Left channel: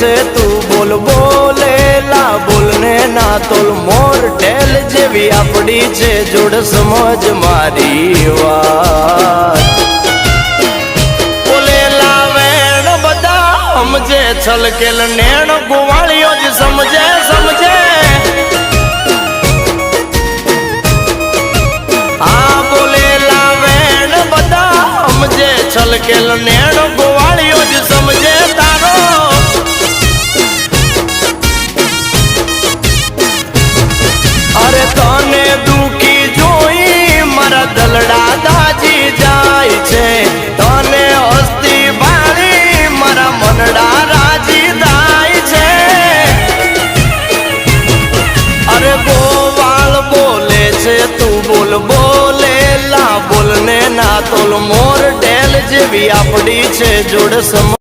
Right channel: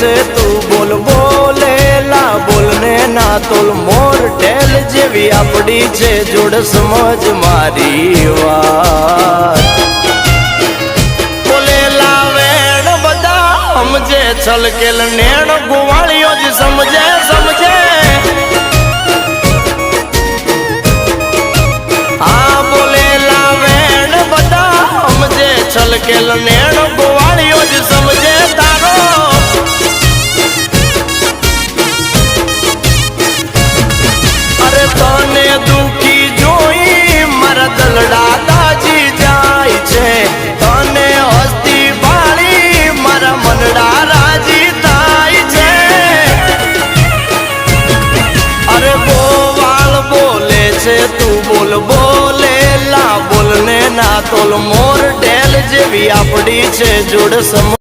છે તું બોલ બોલેલા બોલને ના તોલ મોર ઢેલ જેવી આપડી છે જોડ સમજ મારી વાત બોલેલા વેણ બધા સમજે છલકેલ નેણ ગોવાળીઓ જ સમજે સમજે હા બોલેલા વેણ બધા સમજે છલકેલ નેણ ગોવાળીઓ જ સમજે તારો અરે તને દુખી જોઈ મારા દલડા દાજી જાય છે તને હસ્તી ભાળી મારા મનડા રાજી થાય છે અરે ગોવાળ બોલે છે તું બોલ બોલેલા બોલને ના તોલ મોર ઢેલ જેવી આપડી છે જોડ સમ